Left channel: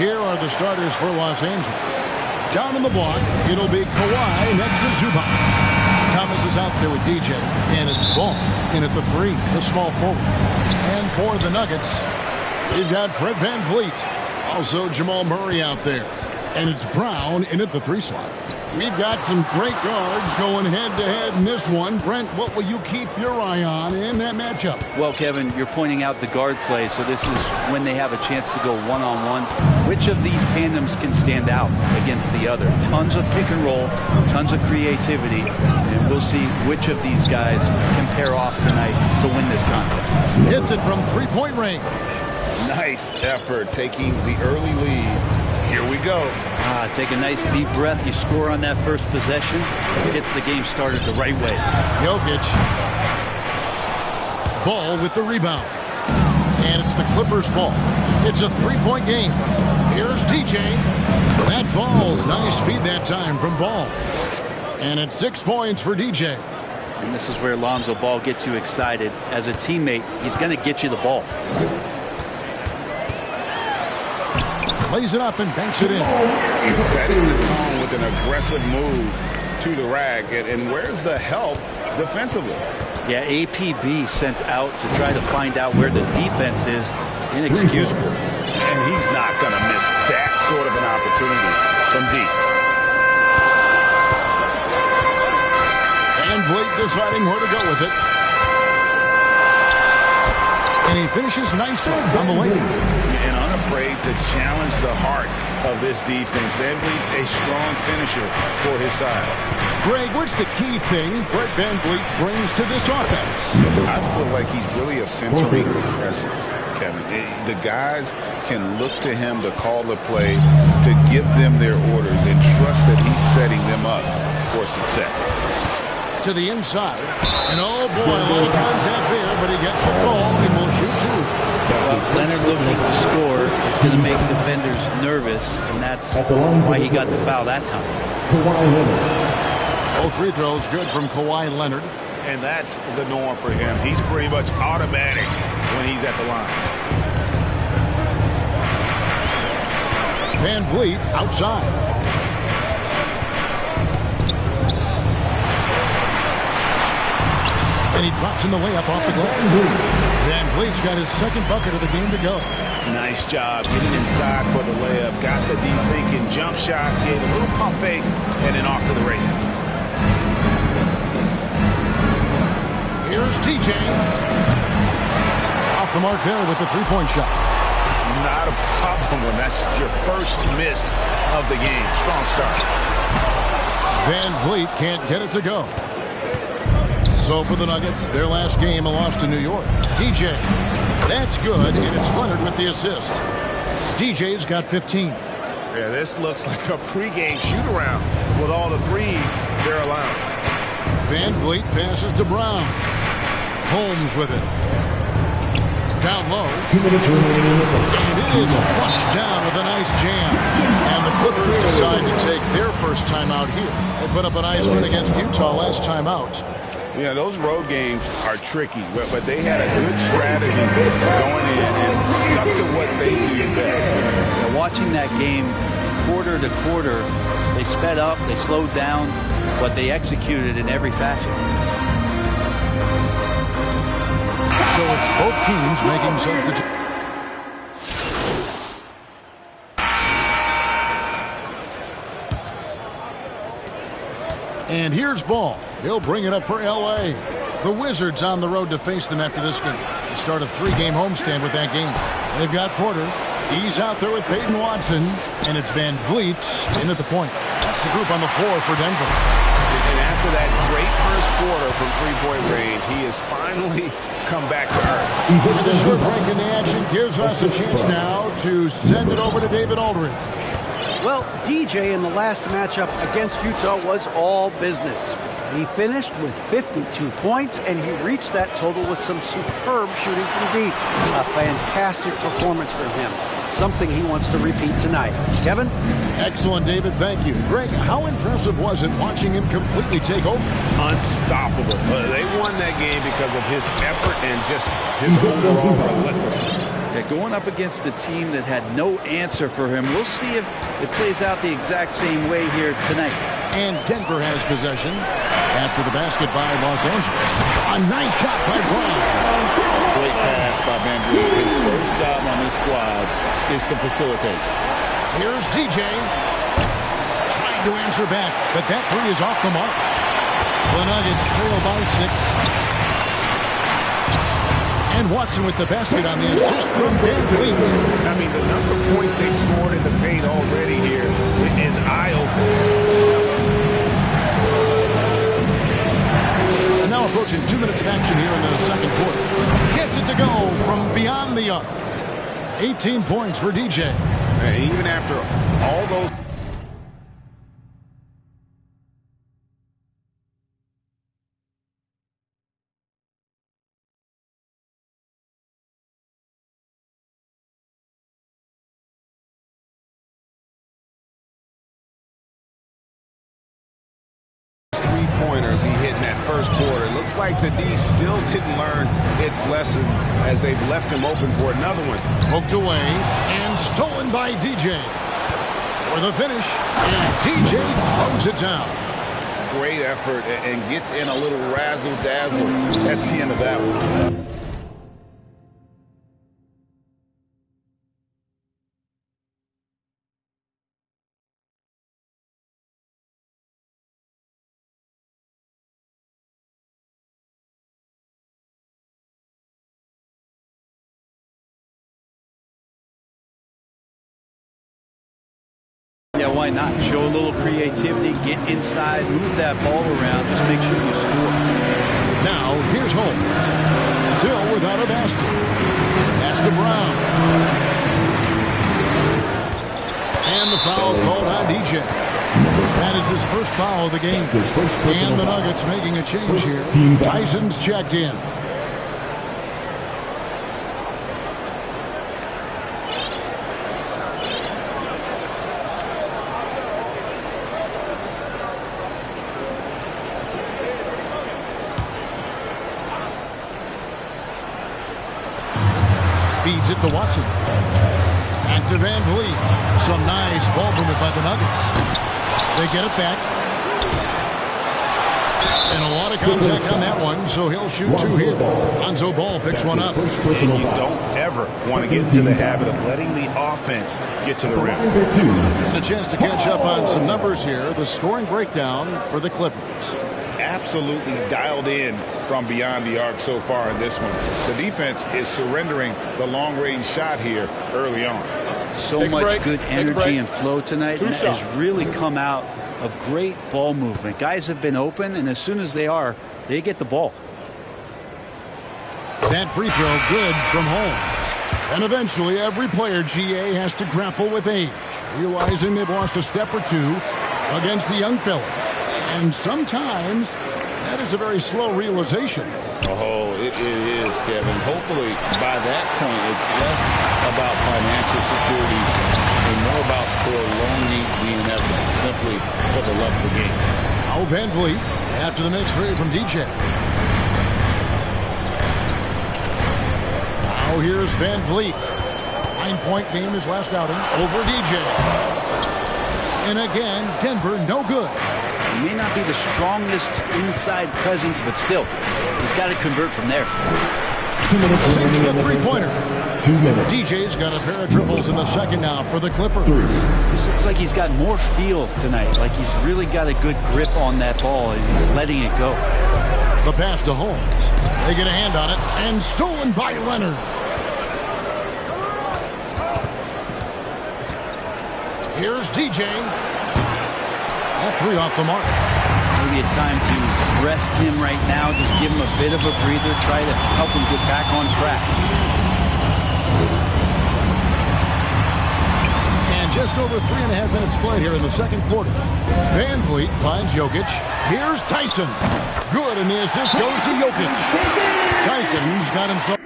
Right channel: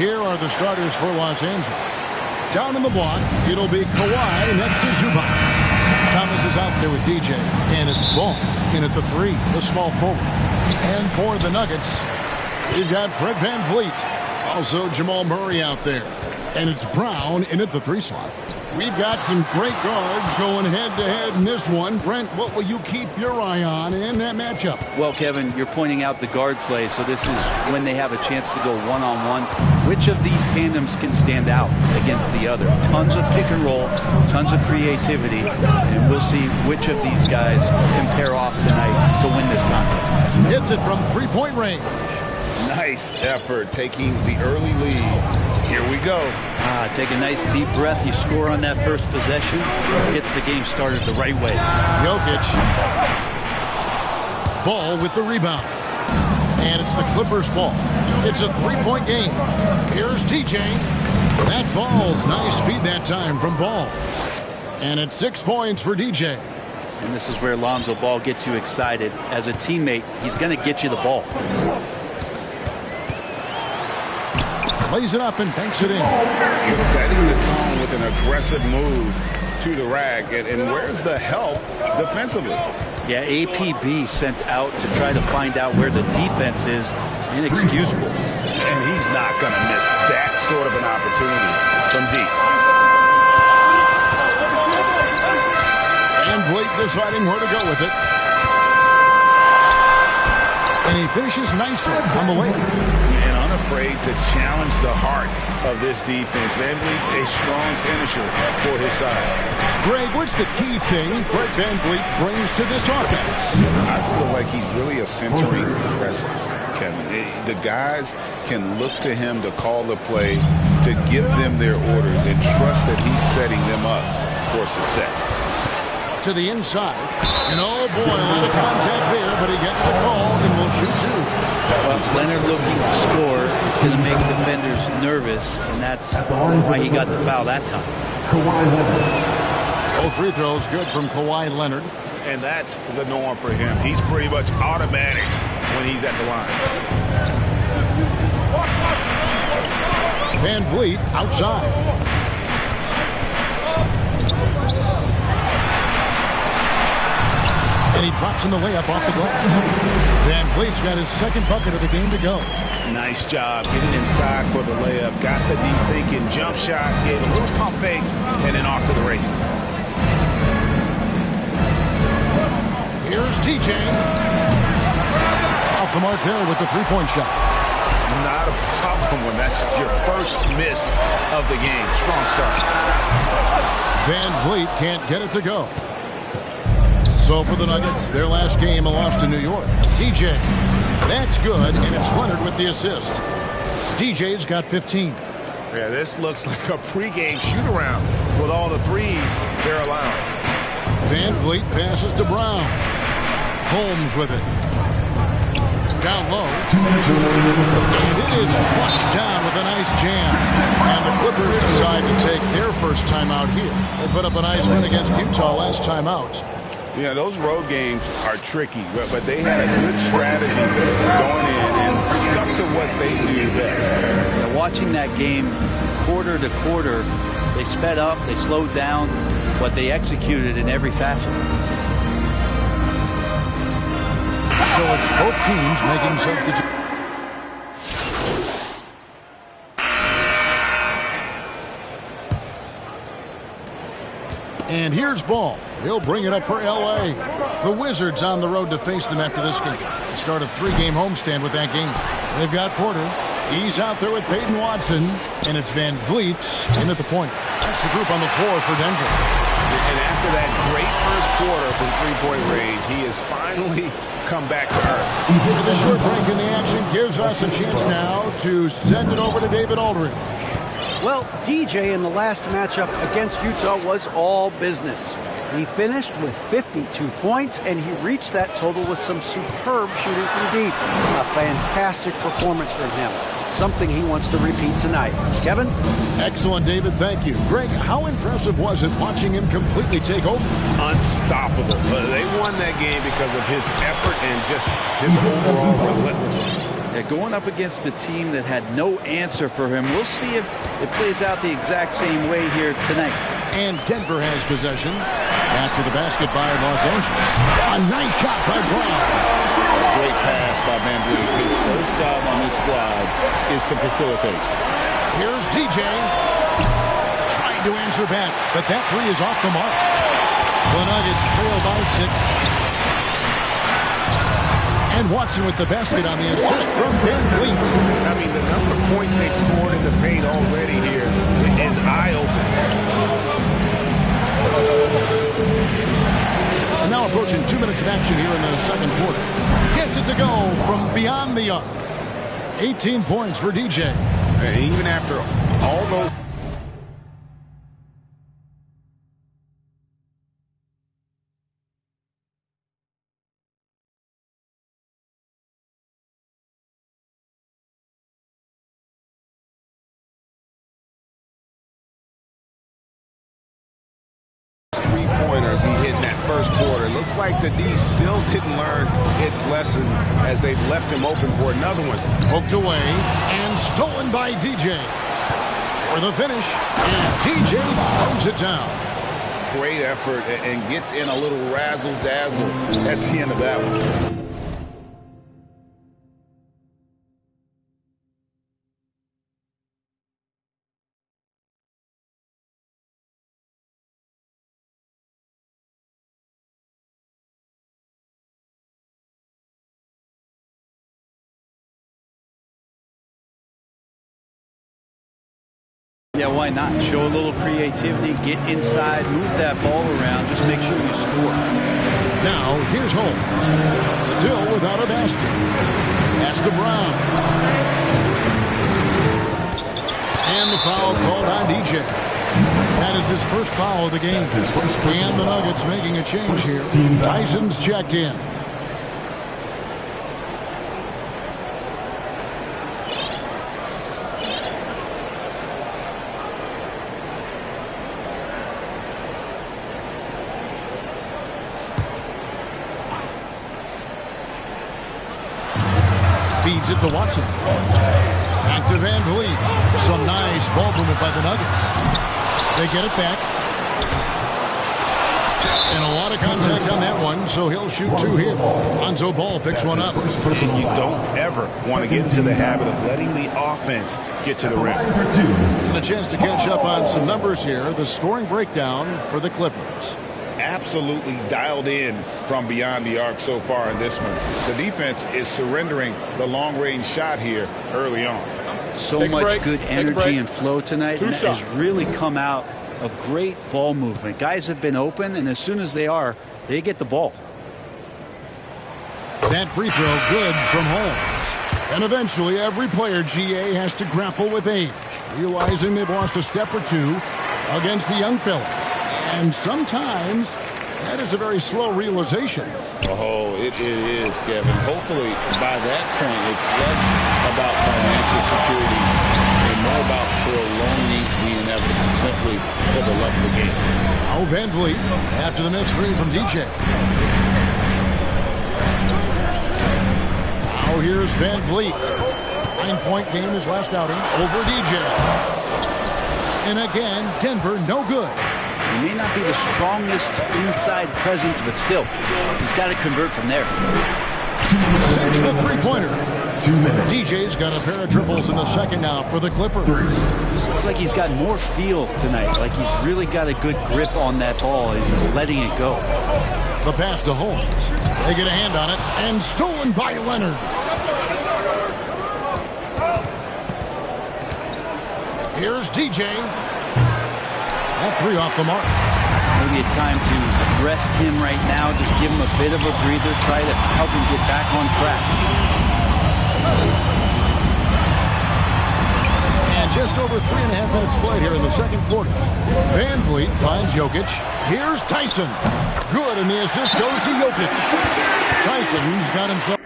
Here are the starters for Los Angeles. Down in the block, it'll be Kawhi next to Zubac. Thomas is out there with DJ, and it's Ball in at the 3, the small forward. And for the Nuggets, we've got Fred VanVleet. Also Jamal Murray out there. And it's Brown in at the 3 slot. We've got some great guards going head-to-head in this one. Brent, what will you keep your eye on in that matchup? Well, Kevin, you're pointing out the guard play, so this is when they have a chance to go one-on-one. Which of these tandems can stand out against the other? Tons of pick and roll, tons of creativity, and we'll see which of these guys can pair off tonight to win this contest. Hits it from three-point range. Nice effort taking the early lead. Here we go. Take a nice deep breath. You score on that first possession. Gets the game started the right way. Jokic. Ball with the rebound. And it's the Clippers' ball. It's a 3-point game. Here's DJ. That falls. Nice feed that time from Ball. And it's 6 points for DJ. And this is where Lonzo Ball gets you excited. As a teammate, he's going to get you the ball. Lays it up and banks it in. He's setting the tone with an aggressive move to the rack. And where's the help defensively? Yeah, APB sent out to try to find out where the defense is. Inexcusable. And he's not going to miss that sort of an opportunity from deep. VanVleet deciding where to go with it. And he finishes nicely on the way. And unafraid to challenge the heart of this defense. VanVleet's a strong finisher for his size. Greg, what's the key thing Fred VanVleet brings to this offense? I feel like he's really a centering presence, Kevin. The guys can look to him to call the play, to give them their orders, and trust that he's setting them up for success. To the inside. And oh boy, a lot of contact there, but he gets the call and will shoot 2. Well, Leonard looking to score. It's going to make defenders nervous, and that's why he got the foul that time. Kawhi Leonard. Both free throws good from Kawhi Leonard. And that's the norm for him. He's pretty much automatic when he's at the line. VanVleet outside. And he drops in the layup off the glass. VanVleet's got his second bucket of the game to go. Nice job getting inside for the layup. Got the deep thinking jump shot, gave a little pump fake, and then off to the races. Here's TJ. Off the mark there with the 3-point shot. Not a problem when that's your first miss of the game. Strong start. VanVleet can't get it to go. So for the Nuggets, their last game, a loss to New York. DJ, that's good, and it's Leonard with the assist. DJ's got 15. Yeah, this looks like a pregame shoot-around with all the threes they're allowing. VanVleet passes to Brown. Holmes with it. Down low. 2 minutes remaining in the first. And it is flushed down with a nice jam. And the Clippers decide to take their first time out here. They put up a nice win against Utah last time out. Yeah, those road games are tricky, but they had a good strategy going in and stuck to what they do best. Yeah, watching that game quarter to quarter, they sped up, they slowed down, but they executed in every facet. So it's both teams making substitutions. And here's Ball. He'll bring it up for L.A. The Wizards on the road to face them after this game. They start a 3-game homestand with that game. They've got Porter. He's out there with Peyton Watson. And it's VanVleet in at the point. That's the group on the floor for Denver. And after that great first quarter from three-point range, he has finally come back to earth. With a short break in the action gives us a chance now to send it over to David Aldridge. Well, DJ in the last matchup against Utah was all business. He finished with 52 points, and he reached that total with some superb shooting from deep. A fantastic performance from him. Something he wants to repeat tonight. Kevin? Excellent, David. Thank you. Greg, how impressive was it watching him completely take over? Unstoppable. They won that game because of his effort and just his overall relentlessness. Yeah, going up against a team that had no answer for him. We'll see if it plays out the exact same way here tonight. And Denver has possession after the basket by Los Angeles. A nice shot by Brown. Great pass by Van Vliet. His first job on this squad is to facilitate. Here's DJ trying to answer back, but that three is off the mark. The Nuggets trail by 6. And Watson with the basket on the assist from Van Vliet. I mean, the number of points they've scored in the paint already here is eye-opening. And now approaching 2 minutes of action here in the second quarter. Gets it to go from beyond the arc. 18 points for DJ. And even after all those... three-pointers he hit in that first quarter. Looks like the D still didn't learn its lesson as they've left him open for another one. Poked away and stolen by DJ. For the finish, and DJ throws it down. Great effort and gets in a little razzle-dazzle at the end of that one. Yeah, why not? Show a little creativity, get inside, move that ball around, just make sure you score. Now, here's Holmes. Still without a basket. Pass to Brown. And the foul called on DJ. That is his first foul of the game. And the Nuggets making a change here. Tyson's checked in. Feeds it to Watson. Back to Van Vliet. Some nice ball movement by the Nuggets. They get it back. And a lot of contact on that one, so he'll shoot two here. Lonzo Ball picks one up. And you don't ever want to get into the habit of letting the offense get to the rim. And a chance to catch up on some numbers here. The scoring breakdown for the Clippers. Absolutely dialed in from beyond the arc so far in this one. The defense is surrendering the long-range shot here early on. So much good energy and flow tonight, and that has really come out of great ball movement. Guys have been open, and as soon as they are, they get the ball. That free throw good from Holmes. And eventually every player, GA, has to grapple with age, realizing they've lost a step or two against the young fellas. And sometimes that is a very slow realization. Oh, it is, Kevin. Hopefully, by that point, it's less about financial security and more about prolonging the inevitable, simply for the love of the game. Now Van Vliet after the missed three from DJ. Now here's Van Vliet. 9-point game his last outing over DJ. And again, Denver no good. He may not be the strongest inside presence, but still, he's got to convert from there. 6 the three-pointer. 2 minutes. DJ's got a pair of triples in the second now for the Clippers. This looks like he's got more feel tonight, like he's really got a good grip on that ball as he's letting it go. The pass to Holmes. They get a hand on it, and stolen by Leonard. Here's DJ. That three off the mark. Maybe a time to rest him right now. Just give him a bit of a breather. Try to help him get back on track. And just over 3.5 minutes played here in the second quarter. Van Vliet finds Jokic. Here's Tyson. Good, and the assist goes to Jokic. Tyson's got himself.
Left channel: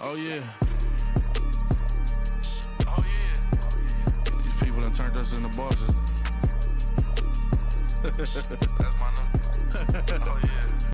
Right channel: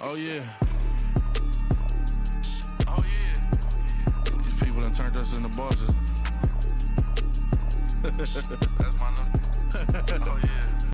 Oh, yeah. Oh, yeah. These people done turned us into bosses. That's my number. Oh, yeah.